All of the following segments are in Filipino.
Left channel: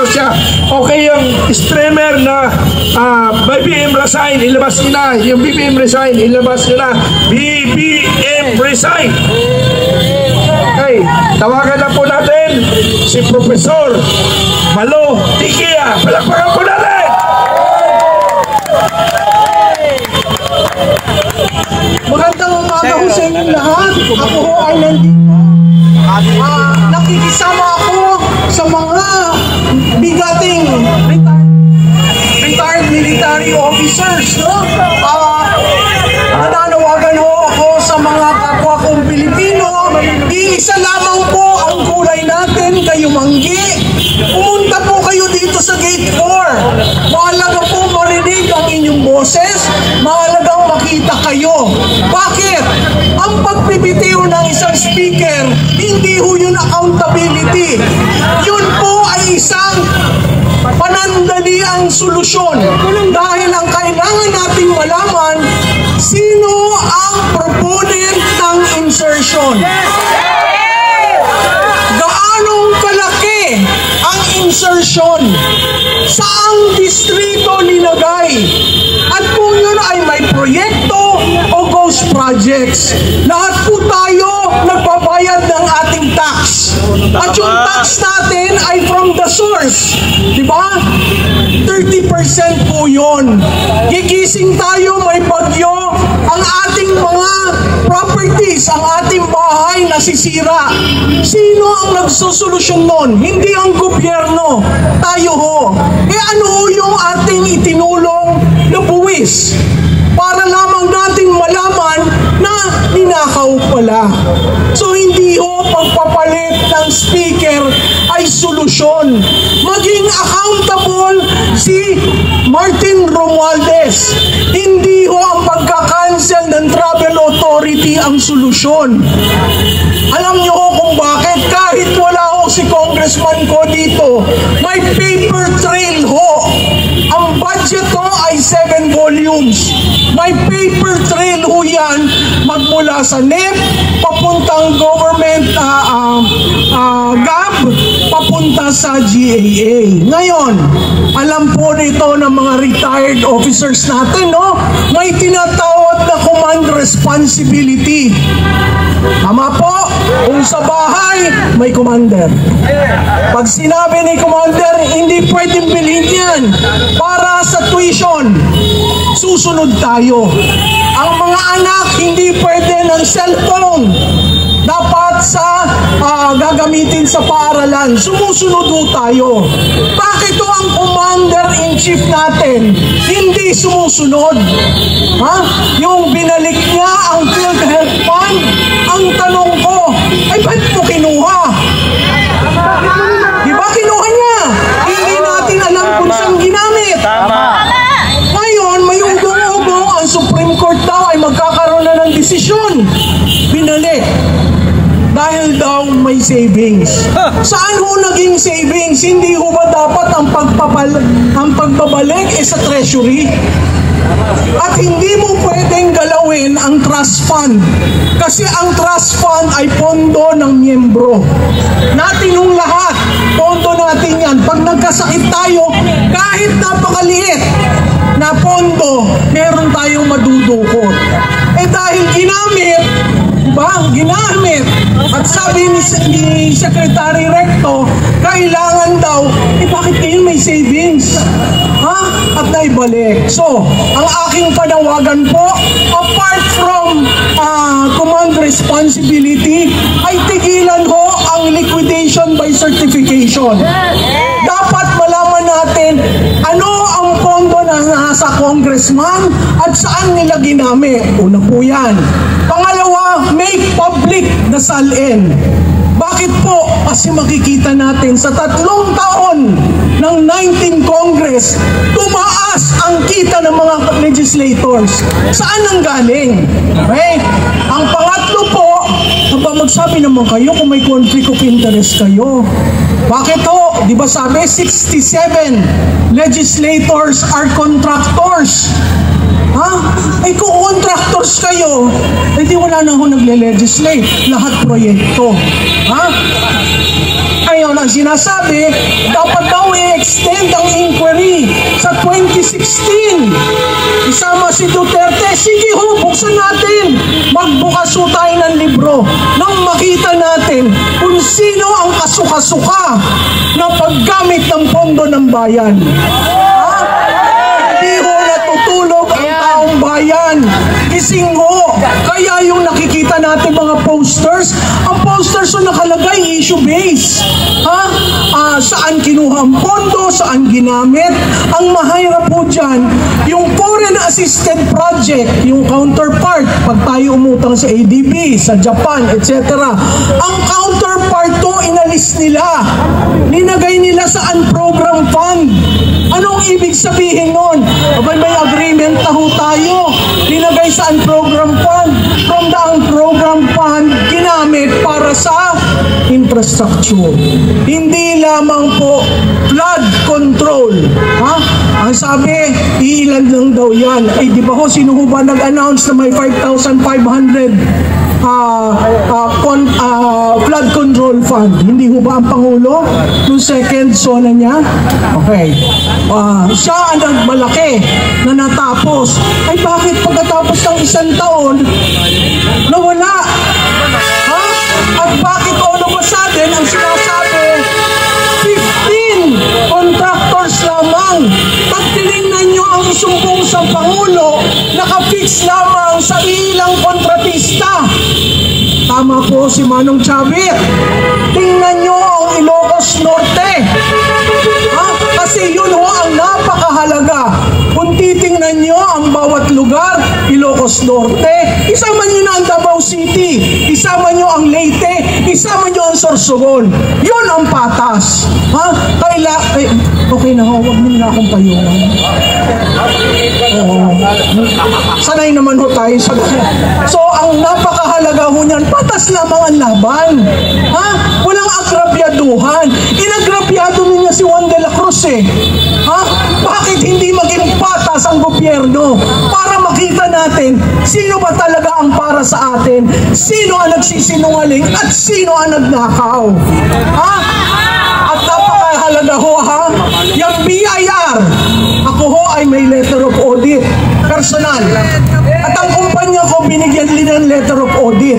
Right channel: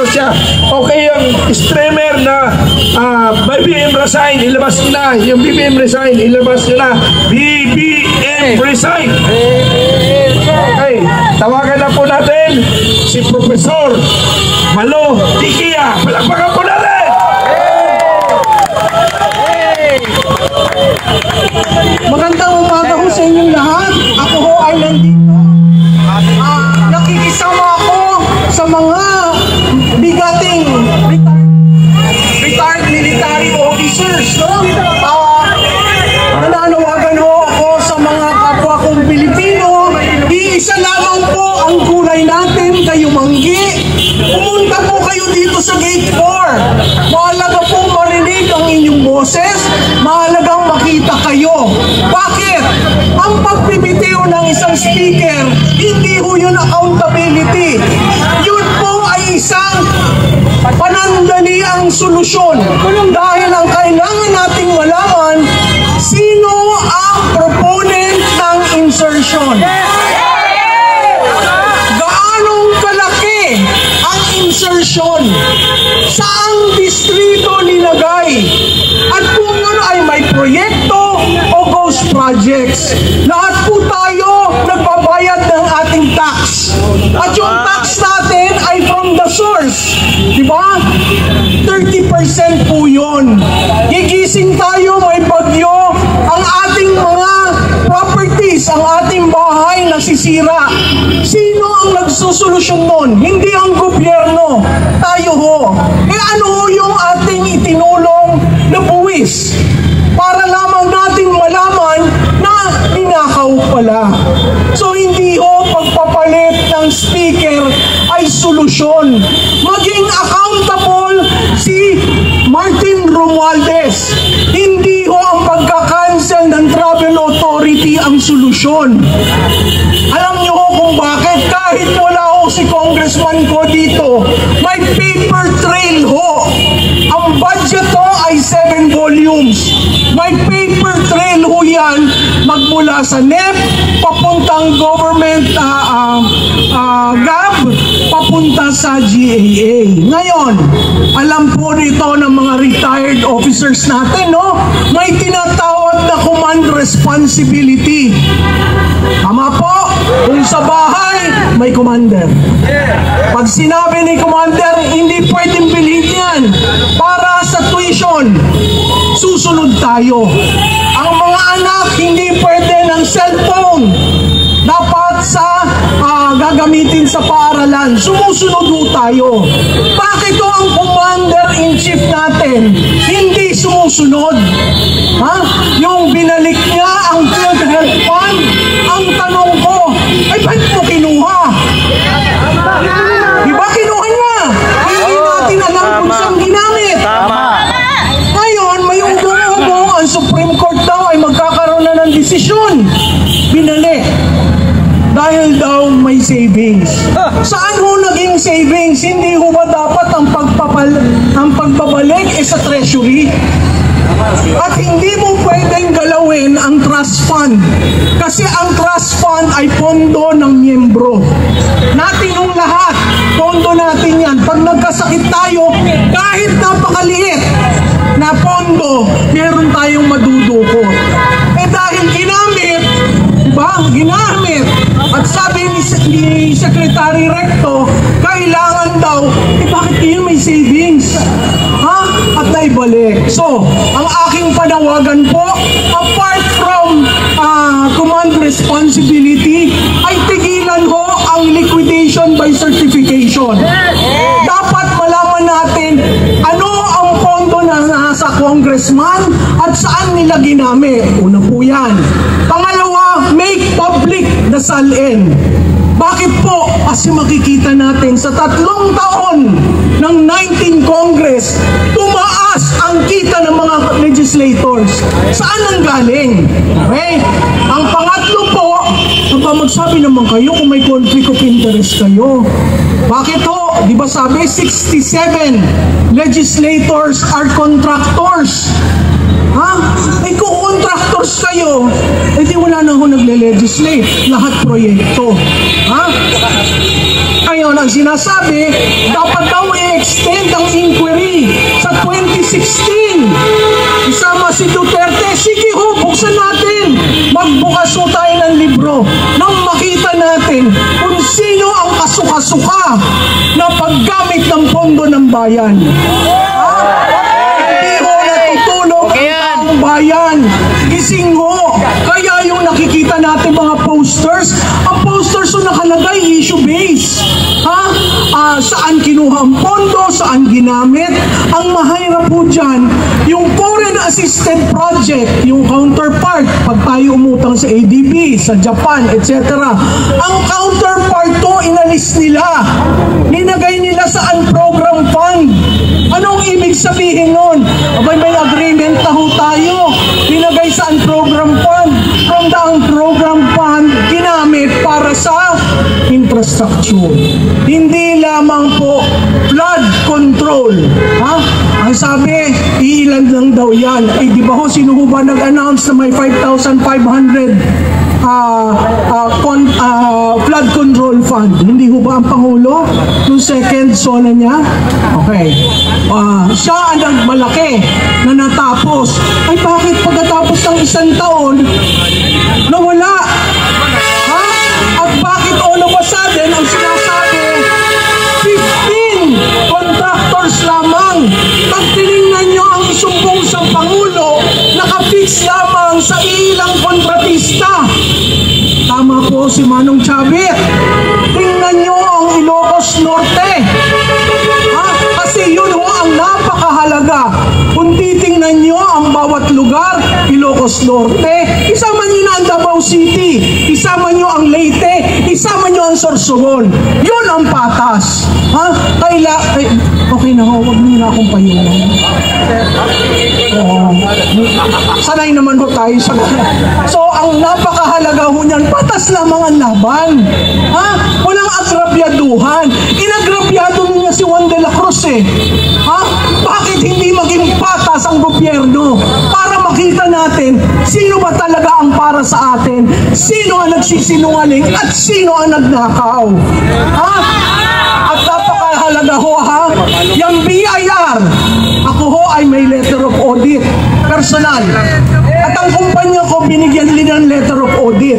ano siya. Okay, yung streamer na BBM resign, ilabas nila. Yung BBM resign, ilabas nila. BBM resign. Okay, tawagan na po natin si Professor Malo Tikia. Palakpakan po natin! Magandang umaga ho sa inyong lahat. Ako ho ay nandito. Nakikisama ako sa mga bigating retired military officers, no? Nananawagan ho ako sa mga kapwa kong Pilipino. Iisa lamang po ang kulay natin, kayo manggi. Pumunta po kayo dito sa Gate 4. Mahalaga po marinig ang inyong boses. Mahalagang makita kayo. Bakit? Ang pagbibitiw ng isang speaker, hindi ho yun accountability. Yun po ay isang panandaliang solusyon. Dahil ang kailangan nating malaman, sino ang proponent ng insertion? Gaanong kalaki ang insertion? Saang distrito nilagay? At kung yun ay may proyekto o ghost projects, lahat po tayo nagbabayad ng ating tax. At yung tax natin ay from the source. Diba? 30% po yun. Gigising tayo, may bagyo, ang ating mga properties, ang ating bahay nasisira. Sino ang nagsusolusyon nun? Hindi ang gobyerno. Tayo ho. Ano ho yung ating itinulong na buwis? Para lamang natin malaman na ninakaw pala. So hindi ho pagpapalit ng speaker ay solusyon. Maging accountable si Martin Romualdez. Hindi ho ang pagka-cancel ng travel authority ang solusyon. Alam niyo ho kung bakit? Kahit wala ho si congressman ko dito, may paper trail ho. Ang budget ho ay 7 volumes. May paper trail ho yan magmula sa NEP, papuntang government GAB, papunta sa GAA. Ngayon, alam po nito ng mga retired officers natin, no? May tinatawag na command responsibility. Tama po? Kung sa bahay, may commander. Pag sinabi ni commander, hindi pwedeng bilhin yan para sa tuition, susunod tayo. Ang mga anak, hindi pwede ng cellphone. Dapat sa gagamitin sa paaralan. Sumusunod ho tayo. Bakit ho ang commander-in-chief natin hindi sumusunod? Ha? Yung binalik niya ang PhilHealth Fund, ang tanong ko, ay ba't mo kinuha? Di ba kinuha niya? Hindi natin alam kung saan ginamit. Tama. Ngayon, may ugo-ugo, ang Supreme Court daw ay magkakaroon na ng desisyon. Binalik. Dahil daw may savings. Saan ho naging savings? Hindi ho ba dapat ang pagbabalik sa treasury? At hindi mo pwedeng galawin ang trust fund. Kasi ang trust fund ay pondo ng miyembro. Natin yung lahat. Pondo natin yan. Pag nagkasakit tayo, kahit napakaliit na pondo, meron tayong madudukot. Eh dahil ginamit, diba? Ginamit. At sabi ni Secretary Recto, kailangan daw, bakit yun may savings? Ha? At naibalik. So, ang aking panawagan po, apart from command responsibility, ay tigilan ho ang liquidation by certification. Dapat malaman natin ano ang pondo na nasa congressman at saan nila ginamit. Una po yan. Pangalawa, make public the SALN. Bakit po? Kasi makikita natin sa 3 taon ng 19 Congress, tumaas ang kita ng mga legislators. Saan ang galing? Okay? Ang pangatlo po, magsabi naman kayo kung may conflict of interest kayo. Bakit po? Di ba sabi, 67 legislators are contractors. Ha? Ay kung contractors kayo, hindi wala na ako nagle-legislate. Lahat proyekto. Ha? Ngayon, ang sinasabi, dapat daw i-extend ang inquiry sa 2016. Isama si Duterte, sige ho, buksan natin. Magbukas ho tayo ng libro nang makita natin kung sino ang kasukasuka na paggamit ng pondo ng bayan. Hindi ho natutulog ang taong bayan. Gising ho. Kaya yung nakikita natin mga posters, ang posters na nakalagay issue-based. Saan kinuha ang pondo, saan ginamit. Ang mahirap po dyan, yung foreign assisted project, yung counterpart, pag tayo umutang sa ADB, sa Japan, etc. Ang counterpart to, inalis nila. Ninagay nila sa unprogram fund. Anong ibig sabihin nun? Abay, may agreement na ho tayo. Ninagay sa unprogram fund. From the unprogram fund, ginamit para sa infrastructure. Hindi lamang po flood control. Ang sabi, ilan lang daw yan. Ay, di ba ho, sino ho ba nag-announce na may 5,500 flood control fund? Hindi ho ba ang Pangulo? Yung second zona niya? Okay. Siya ang nagmalaki na natapos. Ay, bakit pagkatapos ng isang taon, nawala? At bakit all of a sudden, ang sinasabi, 15 contractors lamang. Pag tinignan nyo ang isumbong sa Pangulo, nakafix lamang sa ilang kontratista. Tama po si Manong Chavit. Tingnan nyo ang Ilocos Norte. Kasi yun ho ang napakahalaga. Kung titingnan nyo ang bawat lugar, Ilocos Norte, isama nyo na ang Davao City, isama nyo ang Leyte, isama nyo ang Sorsogon. Yun ang patas. Okay na ho, huwag nyo na akong pahiran. Sanay naman ho tayo sa... So, ang napakahalaga ho niyan, patas lamang ang laban. Walang agrabyaduhan. Inagrabyado niya si Juan de la Cruz eh. Bakit hindi maging patas ang gobyerno? Para makita natin sino ba talaga ang para sa atin, sino ang nagsisinungaling at sino ang nagnakaw. At napakahalaga ho yung BIR, ako ho ay may letter of audit personal at ang kumpanya ko binigyan din ng letter of audit.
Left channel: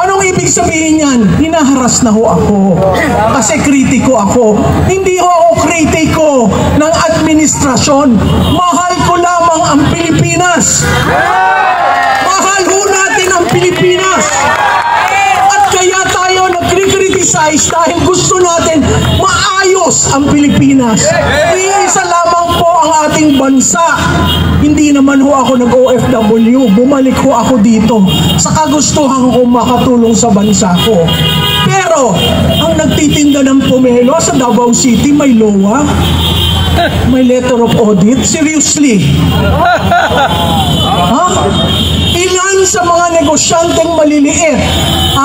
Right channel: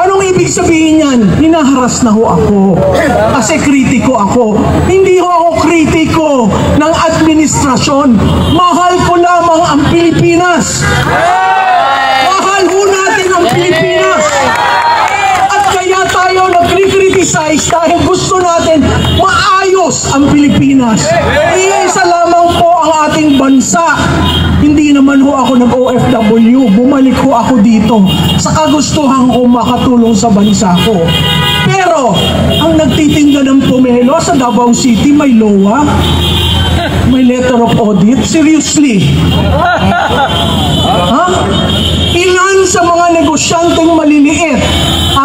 Anong ibig sabihin yan? Hinaharas na ho ako kasi kritiko ako. Hindi ho ako kritiko ng administrasyon. Mahal ko lamang ang Pilipinas. Mahal ho natin ang Pilipinas. At kaya tayo nag-criticize dahil gusto natin maayos ang Pilipinas. Iisa lamang po ang ating bansa. Hindi naman ho ako nag-OFW. Bumalik ho ako dito sa kagustuhan ko makatulong sa bansa ko. Pero, ang nagtitinda ng pomelo sa Davao City, may LOA, may letter of audit. Seriously? Ilan sa mga negosyanteng maliliit,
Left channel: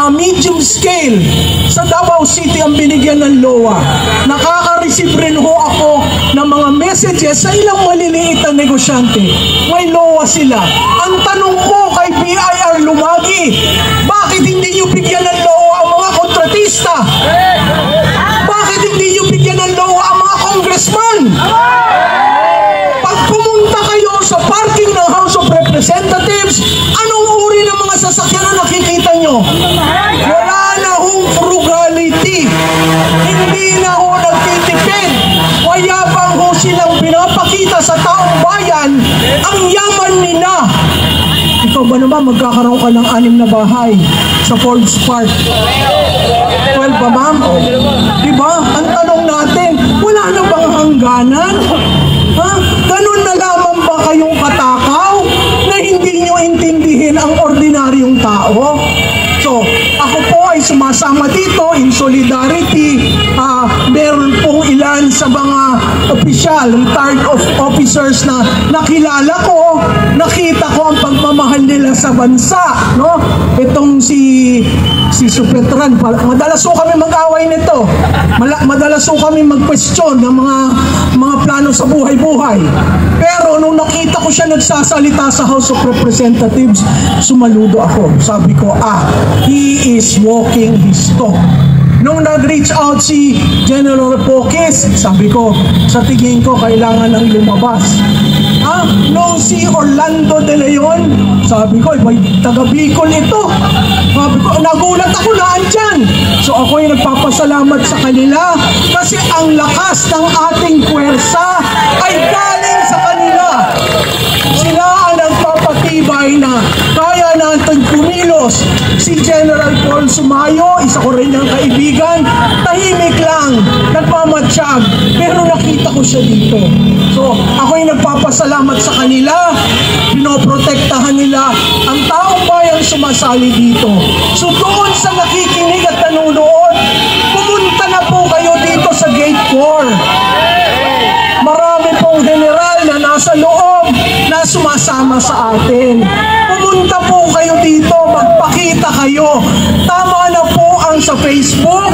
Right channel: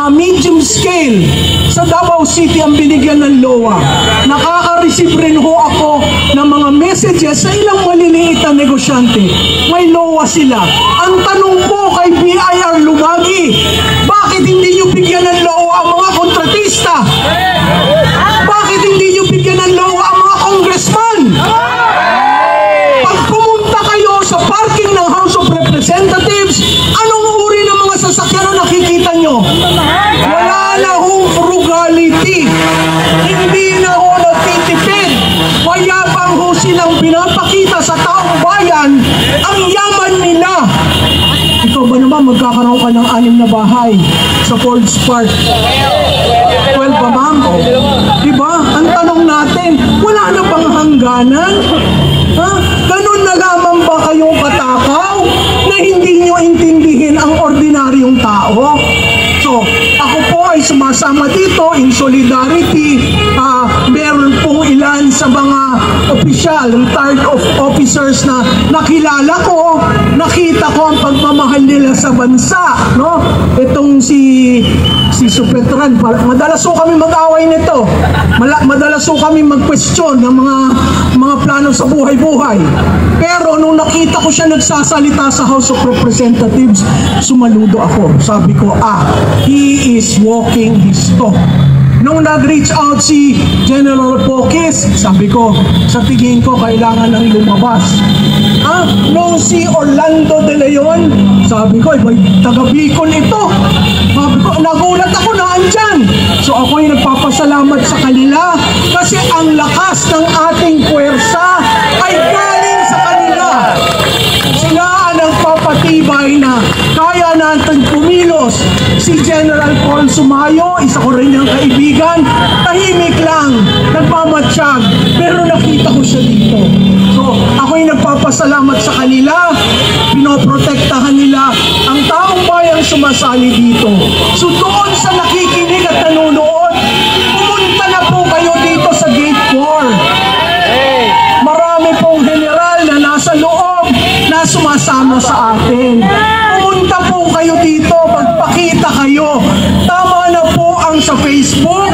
medium scale, sa Davao City ang binigyan ng LOA. Nakaka-receive rin ho ako ng mga messages sa ilang maliliit na negosyante. May LOA sila. Ang tanong ko kay BIR Lumagi, bakit hindi nyo bigyan ng LOA ang mga kontratista? Bakit hindi nyo bigyan ng LOA ang mga congressman? Pag pumunta kayo sa parking ng House of Representatives, anong uri ng mga sasakyan na nakikita nyo? Wala na hong frugality. Hindi na ho nagtitipid. Mayabang ho silang pinapakita sa taong bayan ang yaman nila. Ikaw ba naman magkakaroon ka ng 6 na bahay sa Forbes Park? 12 ba ma'am? Diba? Ang tanong natin, wala na bang hangganan? Ganun na lamang ba kayong katakaw na hindi nyo intindihin ang ordinaryong tao? So, ako po ay sumasama dito in solidarity. Meron pong ilan sa mga opisyal, retired officers na nakilala ko, nakita ko ang pagmamahal nila sa bansa, no? Itong si Supetran, madalas po kami mag-away nito. Madalas po kami mag-question ng mga plano sa buhay-buhay. Pero nung nakita ko siya nagsasalita sa House of Representatives, sumaludo ako. Sabi ko, he is walking his talk. Nung nag-reach out si General Poques, sabi ko, sa tingin ko kailangan nang lumabas. Nung si Orlando De Leon, sabi ko, may taga Bicol ito. Sabi ko, nagulat ako na andyan. So ako yung nagpapasalamat sa kanila kasi ang lakas ng ating puwersa ay galing sa kanila. Sila ang nagpapatibay na kaya natin kumilos. Si General Paul Sumayo, isa ko rin yung kaibigan, tahimik lang, nagmamatsyag, pero nakita ko siya dito. So, ako yung nagpapasalamat sa kanila, pinoprotektahan nila ang taong bayan sumasali dito. So, doon sa nakikinig at nanonood, pumunta na po kayo dito sa Gate 4. Marami pong general na nasa loob na sumasama sa atin. Pumunta po kayo dito, magpakita kayo. Tama na po ang sa Facebook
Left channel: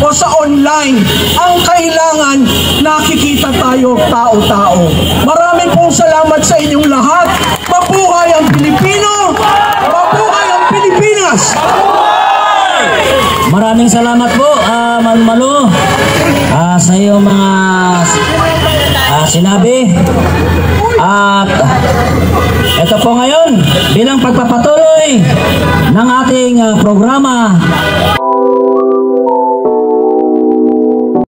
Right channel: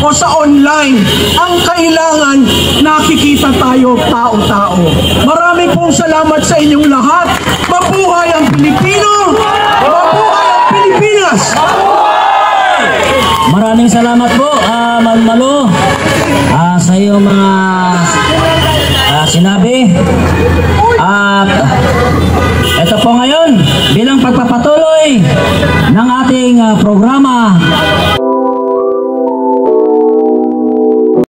o sa online. Ang kailangan, nakikita tayo tao-tao. Marami pong salamat sa inyong lahat. Mabuhay ang Pilipino! Mabuhay ang Pilipinas! Maraming salamat po, Ma'am Malo, sa iyong mga sinabi.